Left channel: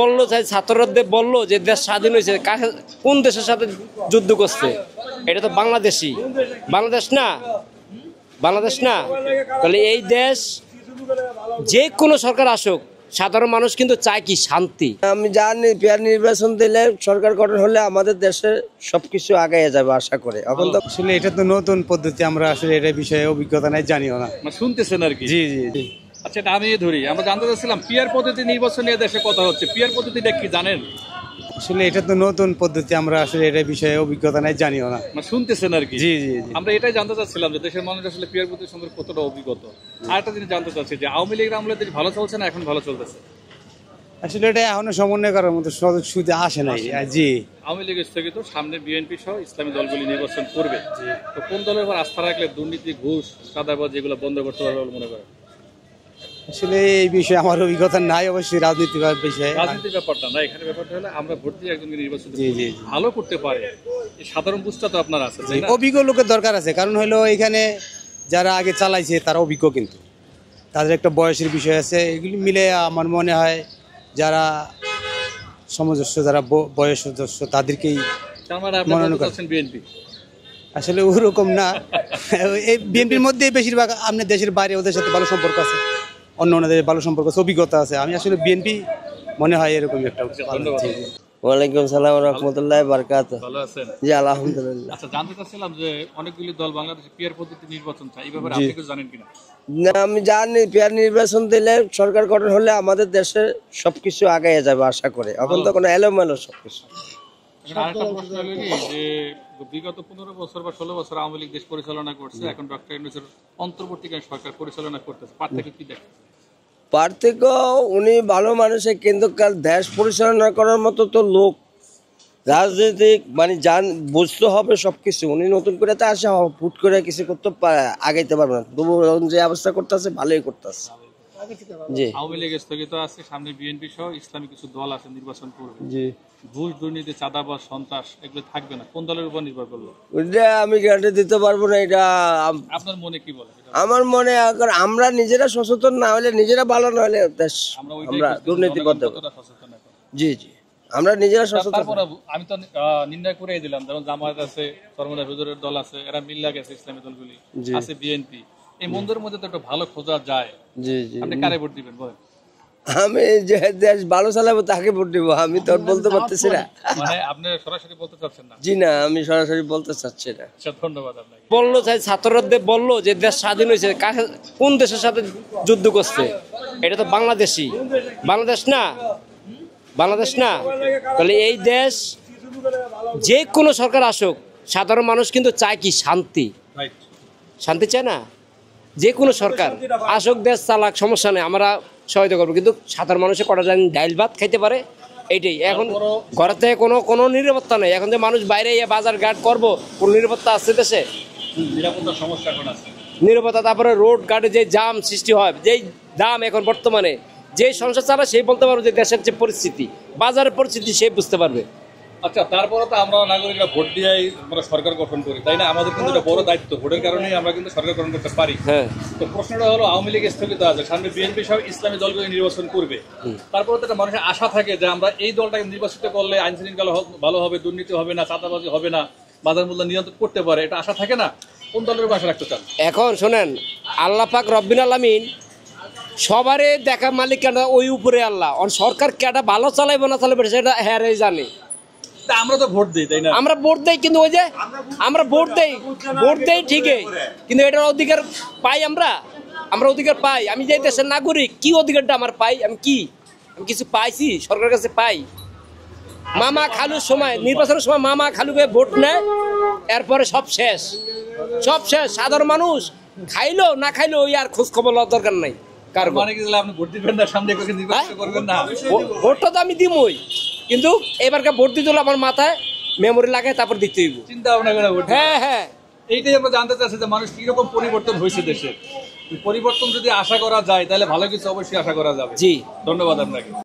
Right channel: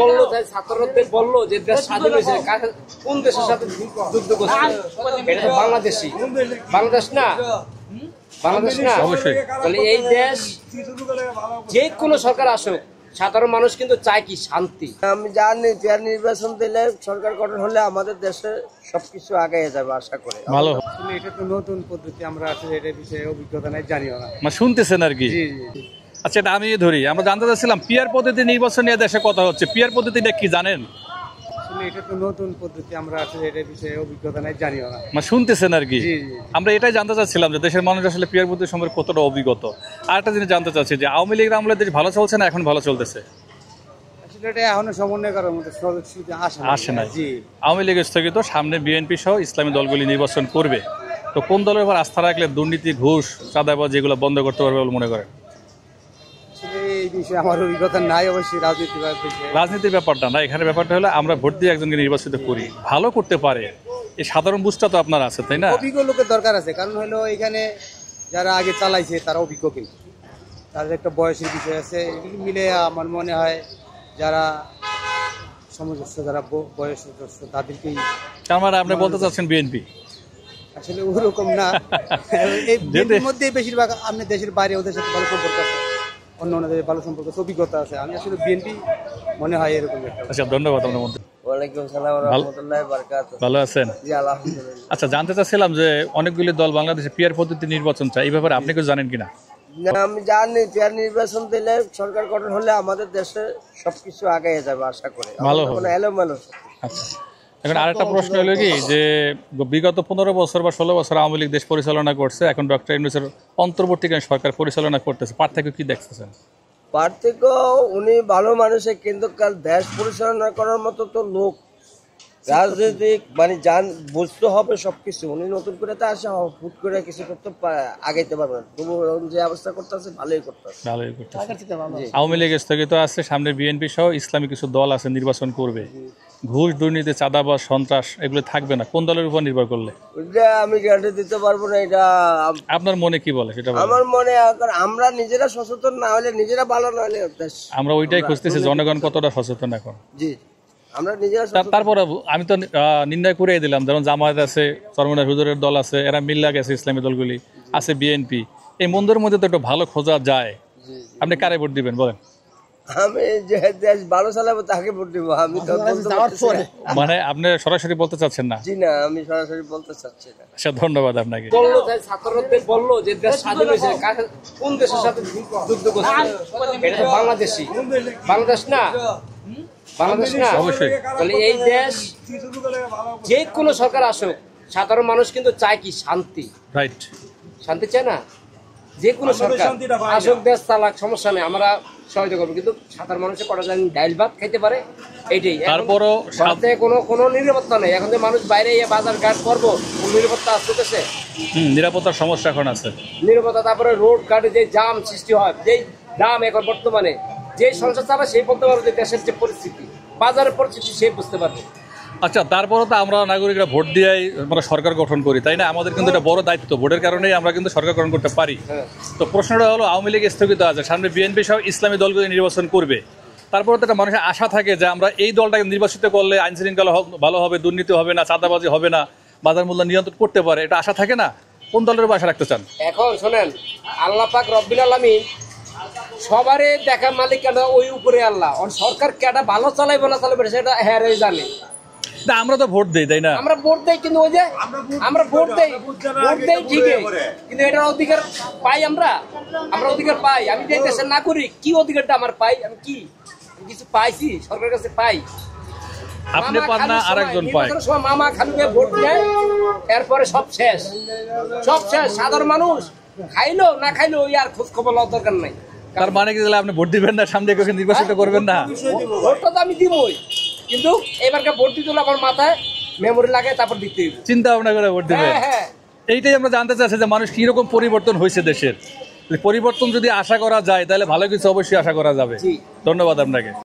বললো যে ছাত্রদের বললো যে দেশ স্বাধীন হয়েছে, কোন দেশের সাথে যুদ্ধ করছে? এটা তো বাংলাদেশই, বাংলাদেশ না, বাংলাদেশ না। তাহলে এই দেশ যে কোনো সরকার আসুক, সাধারণ মানুষ কিন্তু চায় কি শান্তি। আমি জানি পেয়ার নির্বাচন দিলে সরকার গঠন হলে আমাদের দেশে সবকিছু আগায় যাবে আশা করে। আসলে এটা তো নতুন পদ্ধতি, আমরা আসলে এটা বিষয়ে অভিজ্ঞতা নাই, জানিও না, শুনতেছেন আর কি। জি জি জি। আচ্ছা, এটা আমি ধরি, আমরা জানতে চাচ্ছিলাম পিয়ার পদ্ধতি নির্বাচন নিয়ে দেশে কথা হচ্ছে, পিয়ার পদ্ধতিটা কি জানেন? আসলে এটা তো নতুন পদ্ধতি, আমরা আসলে এটা বিষয়ে অভিজ্ঞতা নাই, জানিও না, শুনতেছেন আর কি। জি জি জি। আমরা এটাই জানতে চাচ্ছিলাম যে দেশের মানুষ আসলে পিয়ার পদ্ধতি সম্পর্কে কতটা অভিজ্ঞত। আর একটা জিনিস জানতে চাচ্ছি যে আওয়ামী লীগের আমলে দেশ ভালো চলছে না এখন ভালো চলতেছে? আসলে এটা এখনো সমন্বয় করার মতো সুযোগ আসে না। জি, আওয়ামী লীগ স্থগিত, সামনে বিএনপি সহ ইসলামী দলগুলি নির্বাচন করবে, তো কোন দলের উপর আস্থা রাখলে দুর্নীতি, ঘুষ, চাঁদাবাজি এগুলো বন্ধ করতে পারবে বলে মনে করেন? আসলে এই বিষয়ে আমার অভিজ্ঞতা নাই, অবশ্যই রাজনীতির বিষয়ে। রাজনীতির ব্যাপারটা না, এখানে ব্যাপারটা হলো আমরা ভোট দিয়ে একজনকে নির্বাচিত করি, ভালো করতে পারে, এই সাধারণ বুঝটা তো আপনার আছে, তাই না? অভিজ্ঞ লোকের দরকার আছে, কারণ হলো এখানে যারা আগে চালাইছে তারা অভিজ্ঞ, কিন্তু তাদের একটা বয়সের বিষয় আছে। এগুলি মিলে আমার মনে হয় যারা সমজস্ব, যারা বয়সজ্যেষ্ঠ তাদেরকেই। তার মানে আপনি বলতে চাচ্ছেন বিএনপি? আসলে ওরকম না, বিএনপির মধ্যে বেশিরভাগ আপনার দেশের বাইরে ওদের সাথে ভালো সম্পর্ক আছে, অন্য দেশের ভালো সম্পর্ক আছে, অভিজ্ঞতা আছে। আমি আসলে বিএনপি মনে হয় এরকম একটা। আচ্ছা, ধন্যবাদ। ওয়ালাইকুম সালাম ওয়া রাহমাতুল্লাহি ওয়া বারাকাতুহু। ভালো আছেন? জি আলহামদুলিল্লাহ। আচ্ছা, জানতে চাচ্ছিলাম যে অনেকগুলি দল বাংলাদেশে পিয়ার পদ্ধতি নির্বাচন চায়, এই ব্যাপারে আপনি কিছু জানেন কিনা? না, আমি জানি পেয়ার নির্বাচন দিলে সরকার গঠন হলে আমাদের দেশে সবকিছু আগায় যাবে আশা করে। এখন তো কোনো এলোমেলো সবকিছু। আচ্ছা, এখন আরেকটা প্রশ্ন হলো কি যে বিগত 15 বছর বা 16 বছর আওয়ামী লীগ দেশ পরিচালনা করছে, এখন ডক্টর ইউনূসের অন্তর্বর্তীকালীন সরকার পরিচালনা করতেছে, পার্থক্য কি দেখতেছেন? পার্থক্য, উনি ভালো মানুষে, কিন্তু কাল দেশ পরিচালনা করার মতো তো লোক, রাজনৈতিক মানে বুঝতে হবে সবকিছু। উনি নতুন করে তো আসা ফুট করে কিছু করতে আগাইতে পারবে না, তবু যে অবস্থা করতেছে ভালোই করতেছে। আওয়ামী লীগ স্থগিত আছে, সামনে বিএনপি সহ ইসলামী কিছু দল আছে নির্বাচন করবে, ঘুষ, দুর্নীতি, চাঁদাবাজ, সন্ত্রাস এগুলো থাকবে না, কোন দলের উপর নির্ভর করলে? ওইটা আমি গ্যারান্টি দিতে পারবো না। এটা আপনার মনে কি বলে সেটা? আমার মনে, আমরা নিজেরা সচেতন না হলে, নিজেরা ভালো না হলে আমরা ওইটাই খুঁজতেছি, জনগণ কতটা সচেতন এখন। জি জি, আমরা নিজেরা সচেতন। তারপরে আমি তো নির্ণয় করে দিলাম, যেমন জামায়াত আছে, চরমনাই হুজুরের দল আছে, এরা মিল্লা গেছে, ইসলামী দলগুলি আছে, বিএনপি, এই মন্দিরের মধ্যে তো একটু ভালো খোঁজা যায়। জি জি, আপনি কারে ভোট দিবেন বলেন? আমি যে দেশ ভালো চালাবো তাকে ভোট দিব, আমি তো বলতে পারতেছি না। মানে আপনি সরাসরি বলতে চাচ্ছেন না? জি না, আমি সরাসরি বলতে চাচ্ছি না। আচ্ছা, ধন্যবাদ আপনাকে। বললো যে ছাত্রদের বললো যে দেশ স্বাধীন হয়েছে, কোন দেশের সাথে যুদ্ধ করছে? এটা তো বাংলাদেশই, বাংলাদেশ না, বাংলাদেশ না। তাহলে এই দেশ যে কোনো সরকার আসুক, সাধারণ মানুষ কিন্তু চায় কি শান্তি। রাইট, শান্তি চায় না? যে কোনো সরকার আসুক, দেশ চালাক, সমস্যা নেই, আমরা সহায়তা করবো, কিন্তু সাধারণ মানুষের কটা জানি ডাইল ভাত খাইতে পারে, এইটাই। এখন ঘর থেকে কোনো নিরাপত্তা নেই, এখন যে মানুষ বাইরে বাজার ঘাট করবো, কোন নিরাপত্তা আছে দেশে? নিরাপত্তার সমস্যা এখন আছে, নিরাপত্তা। তারপরে রোড ঘাটে যে জাম সৃষ্টি হয়, যেই দাম এখন বর্তমানে, যে সংসার চালা সেই বলতে পারবে যে দেশের যে পরিস্থিতি, বাজারের পরিস্থিতি সে বুঝতে পারবে। আচ্ছা, তারপরে তো আমরা নাগরিকরা ভোট দিয়ে মানে সরকার গঠন করি, তাই না? আমাদের কিন্তু এটা বড় দায়িত্ব, ভোটের কারণেই আমরা কিন্তু সরকার গঠন করতে পারি। তো প্রশ্নটা হলো, আওয়ামী লীগ স্থগিত আছে, সামনে বিএনপি সহ ইসলামী দলগুলো নির্বাচন করবে, তারপরে তো একটা মানুষের আশা থাকে যে আমরা এই দলটাকে নির্বাচিত করলে আইন শৃঙ্খলা ভালো হবে, দুর্নীতি হবে না, চাঁদাবাজি হবে না, বাজার মূল্য নিয়ন্ত্রণ করতে পারে, এটা আশা থাকে না? কোন দলের উপর আশা রাখতে চান? এখন শোনেন, আল্লাহ পাক রব্বিল আলামিন সবারে দেখা মালিক কেটা ওই উপরে আল্লাহ, আর সরকার কেটা ভালো চালাইবো না চালাইবে সেটা হ্যাঁ জানে। আমরা তো ভোট দেই, তাই না? আমরা ভোট দেই, কিন্তু ওই যে আমরা ভোট দেই ঠিকই, কিন্তু এটার অধিকার পাই আমরা অধিকার পাই। আমি যে দেশের নাগরিক, কি অধিকারটা আমার পাই? আমি কিছু পাইছি সরকারের কাছে? পাই। মামা খালুর সময়, নির্বাচনের সময় মামা খালুকে ভোট নেয়, এরপরে সব শেষ। সাধারণ মানুষ খাইলো না খাইলো ওই আর খোঁজ খবর লওয়ার দরকার নাই। কার মানে কি আপনি ভোট দিবেন না, সামনে নির্বাচিত করবেন না? ভোটটা তো আমি দিবই, কিন্তু এবারকে ভোট দিতে হলে আমার মাথায় মেমোরি লাগে, তারপর দিতে হইব, চিন্তা ভাবনা করে ভোট দিবেন। হ্যাঁ, এইটাই আমরা জানতে চাচ্ছি যে মানুষ কিরকম পরিবর্তন হয়েছে দেশের। পরিবর্তন যদি আশা করা যায় তাহলে ভালো কিছু অবশ্যই আশা করা যাবে। জি, ধন্যবাদ আপনাকে।